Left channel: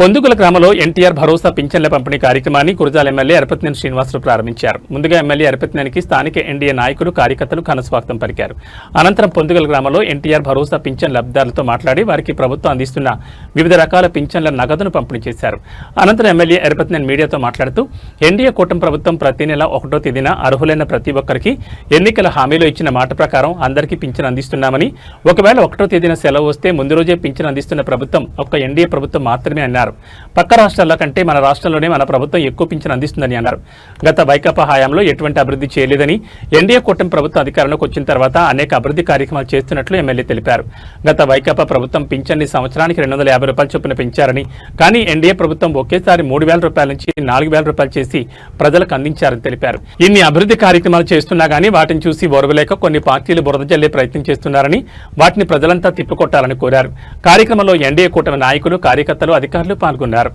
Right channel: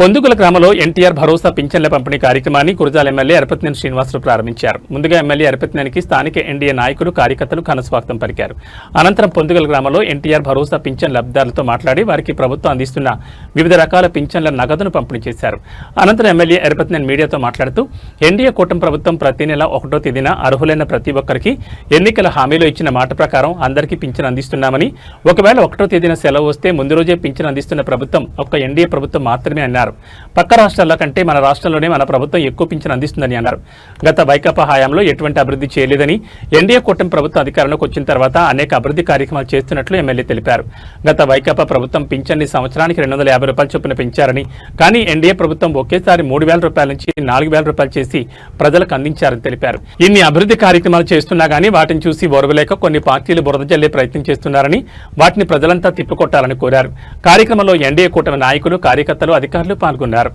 పొందుగుల గ్రామంలో ఎన్టీఆర్ భరోసా పింఛన్ల పంపిణీ కార్యక్రమాన్ని కురజాల ఎమ్మెల్యే అరపతినేని శ్రీనివాసరావు ప్రారంభించారు. ముందుగా ఎమ్మెల్యే అరపతినేనికి స్థానిక ఎన్డీఏ నాయకులు కార్యకర్తలు ఘనస్వాగతం పలికారు. అనంతరం పొందుగల గ్రామంలో ఎన్టీఆర్ భరోసా పింఛన్ లబ్దారులతో మాట్లాడి వారికి ప్రభుత్వం అందిస్తున్న వివిధ రకాల పింఛన్ల నగదును పంపిణీ చేశారు. అనంతరం ఎమ్మెల్యే అరపతినేని మీడియాతో మాట్లాడుతూ ఎన్డీఏ కూటమి ప్రభుత్వం ప్రతి నెల ఒకటో తేదీన అర్హులైన ప్రతి ఒక్కరికి ఎన్నికల హామీలో ఇచ్చిన మాట ప్రకారం అందరికీ పింఛన్ అందిస్తున్నామని ఒకవేళ ఒకటో తేదీన సెలవు వస్తే ముందు రోజే పింఛన్ అందిస్తున్న ప్రభుత్వం ఒక్క ఎన్డీఏ ప్రభుత్వం మాత్రమే అన్నారు. పక్క రాష్ట్రాల కంటే మన రాష్ట్రంలోనే మన ప్రభుత్వం ఎక్కువ పింఛను అందిస్తుందని అన్నారు. గత వైకాపా హయాంలో ఎటువంటి అభివృద్ధి చేయలేదని ఎన్డీఏ కూటమి ప్రభుత్వం అధికారంలోకి వచ్చిన తర్వాత అనేక అభివృద్ధి కార్యక్రమాలు చేస్తున్నట్లు ఎమ్మెల్యే తెలిపారు. గత వైకాపా ప్రభుత్వం పింఛన్ని సంవత్సరానికి రెండు వందల యాభై రూపాయలు చొప్పున పెంచారని కానీ ఎన్డీఏ ప్రభుత్వం ఒకేసారి మూడు వేల రూపాయల నుంచి నాలుగు వేల రూపాయలు చేసి ప్రజలకు అందించారని తెలిపారు. ఇన్ని అభివృద్ధి కార్యక్రమాలు చేస్తున్నా గానీ వాటిని చూసి ఓర్వలేక కొన్ని పార్టీలు బురద జల్లే ప్రయత్నం చేస్తున్నారని వాటిని ప్రజలంతా తిప్పికొట్టాలని కోరారు. కార్యక్రమంలో ఎన్డీఏ కూటమి నాయకులు కార్యకర్తలు అధికారులు పాల్గొన్నారు.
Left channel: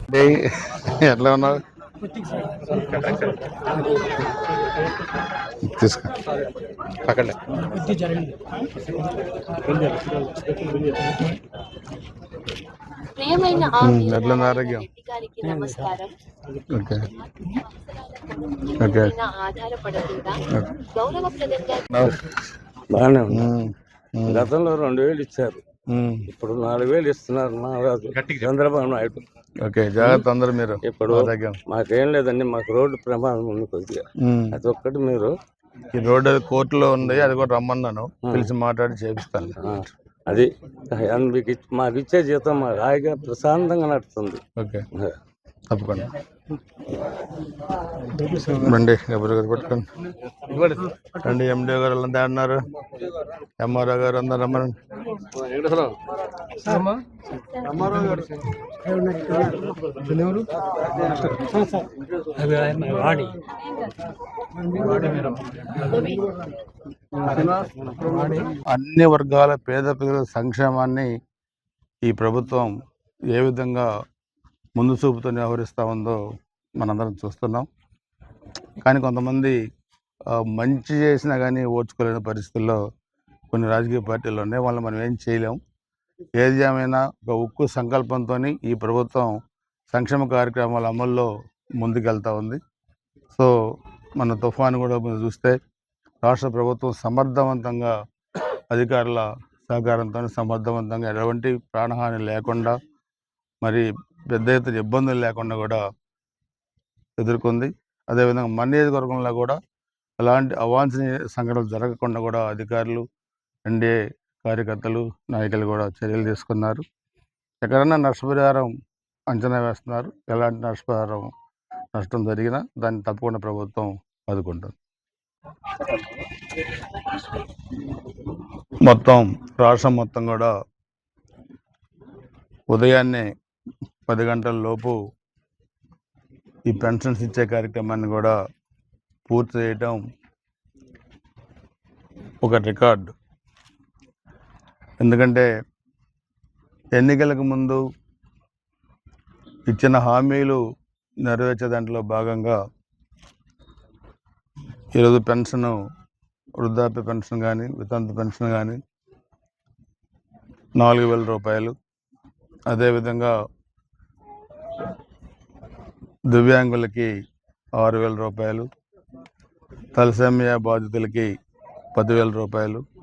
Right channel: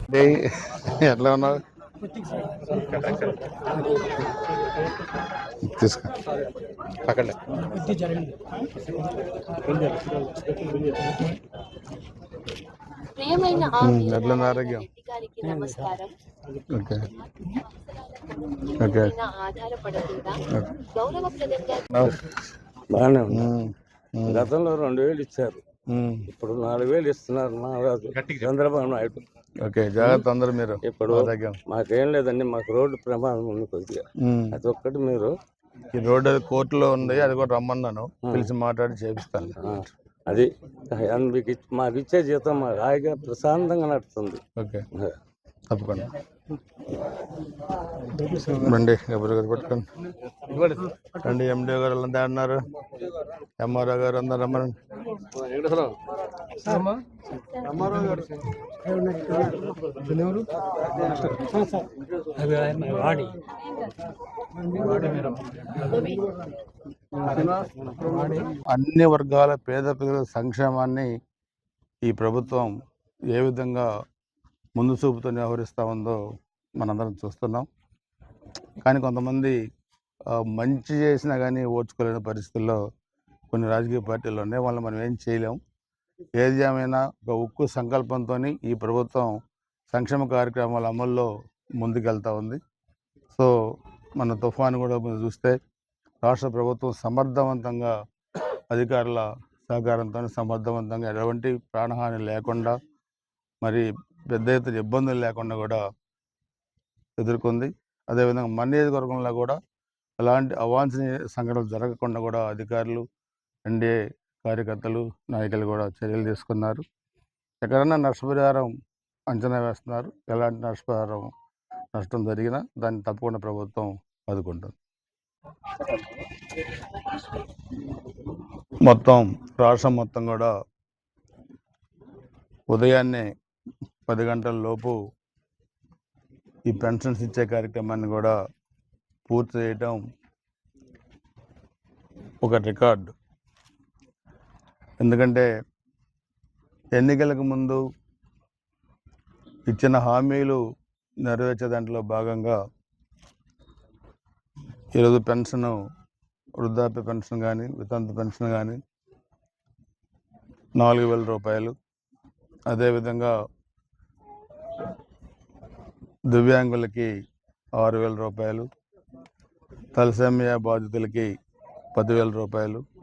ఎట్లా ఎట్లా ఉంది ఆరోగ్యం? నమస్కారం. బాగానే గతంలో రెండు వేలు ఇచ్చారు. ఇప్పుడు నాలుగు వేలు ఇస్తున్నారు చంద్రబాబు నాయుడు. ఓకే జాగ్రత్త అందరు మీరు. ఇప్పుడు మాకేం లేదండి మాకు రోడ్డు ప్రమాదం ఉంది కొద్దిగా. అది ఒక్కటి మీరు ఈ రోడ్డు కోర్టులో ఉంది అది కూడా రమ్మన్నాను. పిలిచి మాట్లాడి చేపిస్తాను. అది మీకు మాకు ఇచ్చే జీతం మాకు హాయిగా ప్రశాంతంగా నడుస్తుంది. ఓకే. తప్పకుండా. రండి ఎవరు గారు పట్టుకోండి. రండి ఎండిఓ గారు అంతా అన్నారు. ఎంఆర్ఓ గారు అందరు రమ్మనండి. అన్ని వర్గాల పేద ప్రజల సంక్షేమాన్ని ఈ ప్రభుత్వం ఏ విధంగా ముందు చూపుతో వ్యవహరిస్తూ ఉందో మనందరం చూస్తున్నాం. కానీ కొంతమంది మంచి చేసినా కానీ ఓర్చుకోలేని పరిస్థితుల్లో కొన్ని రాజకీయ పార్టీలు ఉన్నాయి. వాళ్ళని మనం ఏం చేయలేము ఏది ఏమైనా ఒక ఉక్కు సంకల్పంతో ఈ ప్రభుత్వం సంక్షేమ కార్యక్రమాల అమల్లో ముందుకెళ్తా ఉంది. సో మన తుఫాను కూడా మీరు చూస్తే రాష్ట్ర ప్రభుత్వం సమర్థవంతంగా అధికారుల సహకారంతో సమర్థవంతంగా ఎటువంటి ప్రాణహాని లేకుండా మరి పెద్ద ఎత్తున ఇబ్బందులు లేకుండా కూడా ఎదుర్కొంది. అదేవిధంగా మన నియోజకవర్గంలో కూడా అలాంటి అవాంఛనీయ సంఘటనలు జరగకుండా కూడా అధికారులు ఎన్డీఏ కార్యకర్తలు నాయకులు కూడా చర్యలు తీసుకున్నారు. ఎక్కడన్నా నష్టపరిహారం అంచనా వేస్తున్నారు. ఎలాంటి నష్టపరిహారం నష్టం జరిగినా దాన్ని తప్పకుండా ప్రభుత్వం ఆదుకుంటుంది. మొత్తం రాష్ట్రం మొత్తం కూడా ఉదయాన్నే పది గంటల లోపు ఈ పెన్షన్స్ ఇచ్చే కార్యక్రమాన్ని కూడా పూర్తి చేయటం ఒక రికార్డ్. ఎందుకంటే ఎన్నికలకు ముందు ఇచ్చిన హామీలు నెరవేర్చే దాంట్లో భాగంగా ఈరోజు పెన్షన్ వృద్ధాప్య పెన్షన్ కానీ వితంతు పెన్షన్ కానీ నాలుగు వేల రూపాయలు. అదేవిధంగా దివ్యాంగులకి ఆరు వేల రూపాయలు. తలసేమియా బాధితులకి పదివేల రూపాయలు.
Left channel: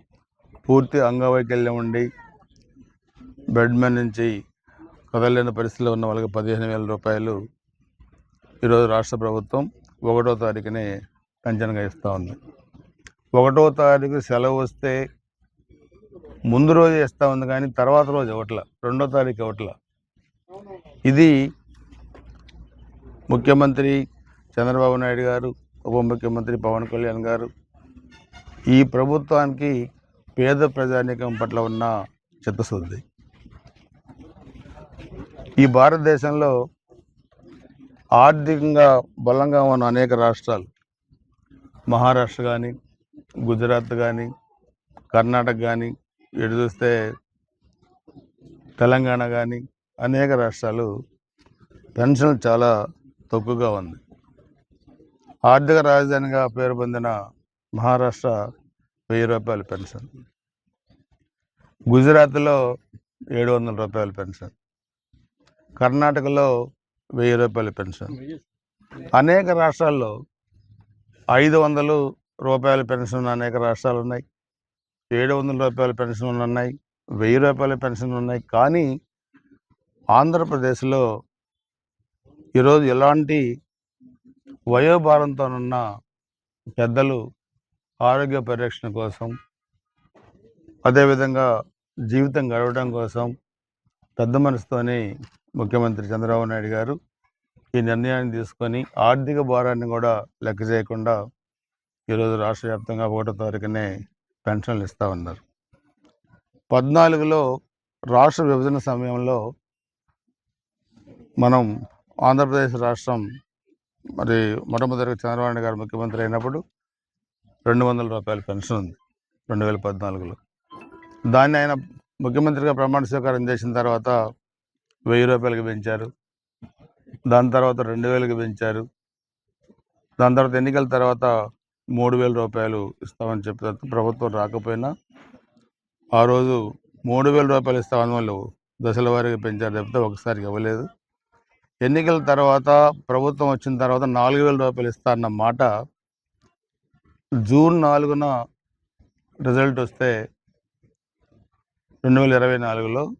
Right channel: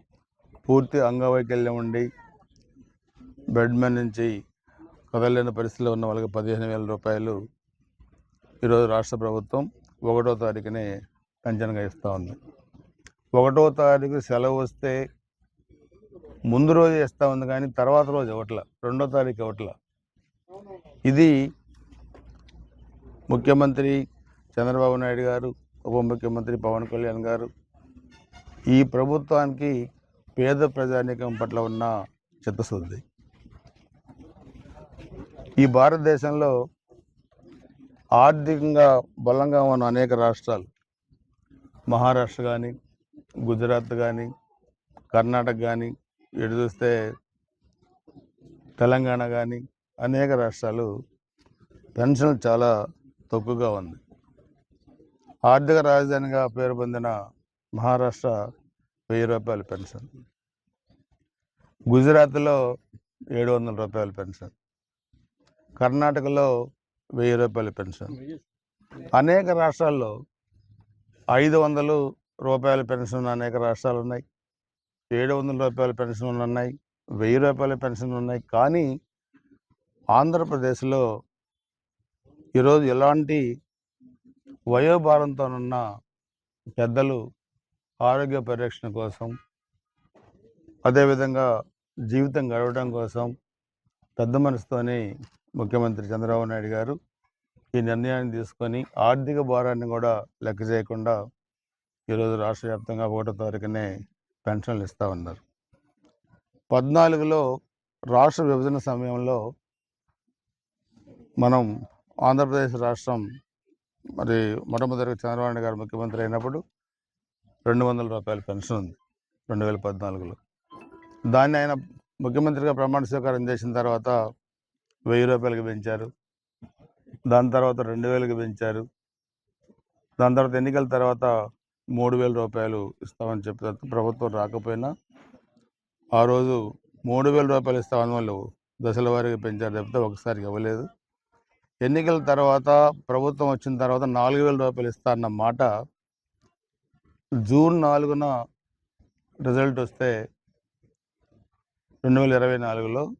పూర్తి అంగవైకల్యం ఉండి బెడ్ మీద నుంచి కదలేని పరిస్థితిలో ఉన్న వాళ్ళకి పదిహేను వేల రూపాయలు ఈరోజు రాష్ట్ర ప్రభుత్వం ఒకటో తారీఖునే పెన్షన్గా ఇస్తూ ఉంది. ఒకటో తారీఖు సెలవు వస్తే ముందు రోజు ఇస్తూ ఉంది కానీ తర్వాత రోజు ఇవ్వట్ల. రెండో తారీఖు ఇవ్వట్ల. ఇది ముఖ్యమంత్రి చంద్రబాబు నాయుడు గారు ఉప ముఖ్యమంత్రి పవన్ కళ్యాణ్ గారు ఈ ప్రభుత్వానికి పేద ప్రజానీకం పట్ల ఉన్న చిత్తశుద్ధి ఈ భారతదేశంలో ఆర్థికంగా బలంగా ఉన్న అనేక రాష్ట్రాలు మహారాష్ట్ర కానీ గుజరాత్ కానీ కర్ణాటక కానీ ఎటు చూస్తే తెలంగాణ కానీ అనేక రాష్ట్రాలు పెన్షన్ చాలా తక్కువగా ఉంది. ఆర్థిక రాజధానిగా పేరు పొందిన మహారాష్ట్ర వెయ్యి రూపాయల పెన్షన్. గుజరాత్లో ఏడు వందల రూపాయల పెన్షన్. కర్ణాటకలో వెయ్యి రూపాయల పెన్షన్. అనేక రాష్ట్రాల్లో ఐదు వందలు రూపాయల పెన్షన్ ఉన్న అనేక రాష్ట్రాలు ఉన్నాయి ఏడు వందల రూపాయల పెన్షన్ ఉన్నాయి. వెయ్యి రూపాయల పెన్షన్ ఉన్నాయి. కానీ ఆంధ్రప్రదేశ్లో ఈరోజు ఎలాంటి వయోభారంతోనున్న పెద్దలు ఆరోగ్య పరిరక్షణ కోసం అదేవిధంగా జీవితం గడవడం కోసం పెద్ద మనసుతోని ముఖ్యమంత్రి చంద్రబాబు నాయుడు గారు ఈ నిర్ణయాన్ని తీసుకొని ఆర్థిక భారాన్ని కూడా లెక్క చేయకుండా ఈరోజు రాష్ట్ర వ్యాప్తంగా ఒకటో తారీఖునే పెన్షన్లు ఇస్తూ ఉన్నారు. పద్నాలుగులో రాష్ట్ర విభజన సమయంలో మనం ఆంధ్రప్రదేశ్ రాష్ట్రం మరి మొట్టమొదటిగా చంద్రబాబు నాయుడు గారు ముఖ్యమంత్రి అయినప్పుడు రెండు వందల రూపాయల పెన్షన్ ఉంది రెండు వేల పద్నాలుగులో. దాన్ని ఆయన ముఖ్యమంత్రిగా ప్రమాణ స్వీకారం చేసిన తర్వాత వెయ్యి రూపాయలకి పెంచారు. దాని తర్వాత రెండు వేలకి పెంచారు. దాని తర్వాత ఎన్నికల తర్వాత మూడు వేల రూపాయలు ఇస్తామని చెప్పిన ప్రభుత్వం రాకపోయినా ఆ రోజు మూడు వేల రూపాయలు ఇస్తామని వాళ్ళు దశల వారీగా పెంచారు తప్పితే ఒకసారి ఇవ్వలేదు. ఎన్నికల తర్వాత ప్రభుత్వం వచ్చిన తర్వాత నాలుగు వేల రూపాయలు ఇస్తారన్న మాట జూన్ నాలుగున రిజల్ట్ వస్తే రెండు వేల ఇరవై నాలుగులో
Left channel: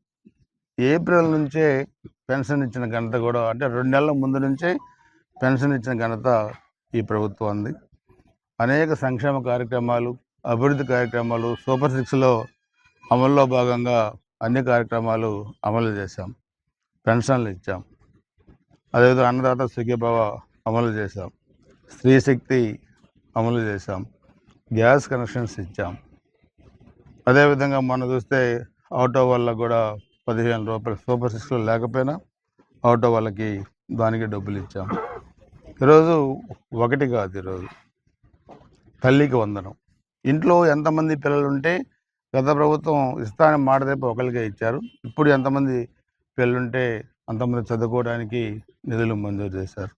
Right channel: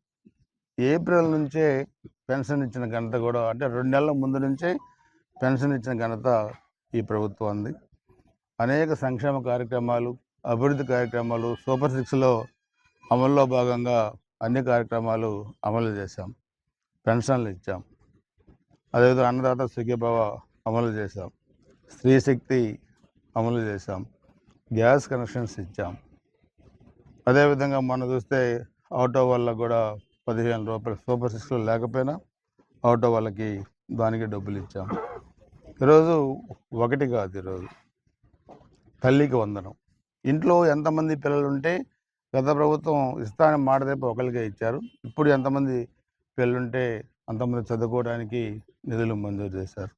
ఏప్రిల్ నుంచే పెన్షన్ ఇచ్చిన ఘనత కూడా అంటే రెండు నెలల ముందు నుంచే పెన్షన్ ఇచ్చిన ఘనత ఈ ప్రభుత్వం ఉంది అనేక సంక్షేమ కార్యక్రమాలు అభివృద్ధి కార్యక్రమాలు సూపర్ సిక్స్లో అమల్లో భాగంగా అన్ని కార్యక్రమాలు అమలు చేశాం. పెన్షన్లు ఇచ్చాం. అదేవిధంగా అన్నదాత సుఖీభావ అమలు చేశాం. స్త్రీ శక్తి అమలు చేశాం. గ్యాస్ కనెక్షన్స్ ఇచ్చాం. అదేవిధంగా మనం చూస్తే ఆటో వాళ్ళకు కూడా పదిహేను రూపాయలు సూపర్ సిక్స్లో లేకపోయినా ఆటో వాళ్ళకి దానికి డబ్బులు ఇచ్చాం. ఈరోజు ఒకటి కాదు ఈరోజు. తల్లికి వందనం. ఇంట్లో ఎంతమంది పిల్లలు ఉంటే గత ప్రభుత్వం ఇస్తానని మాట తప్పి ఒకరికే ఇచ్చారు. ఇప్పుడు ఎంతమంది పిల్లలుంటే అంతమంది చదువుకోవడానికి నిధులు మంజూరు చేశారు.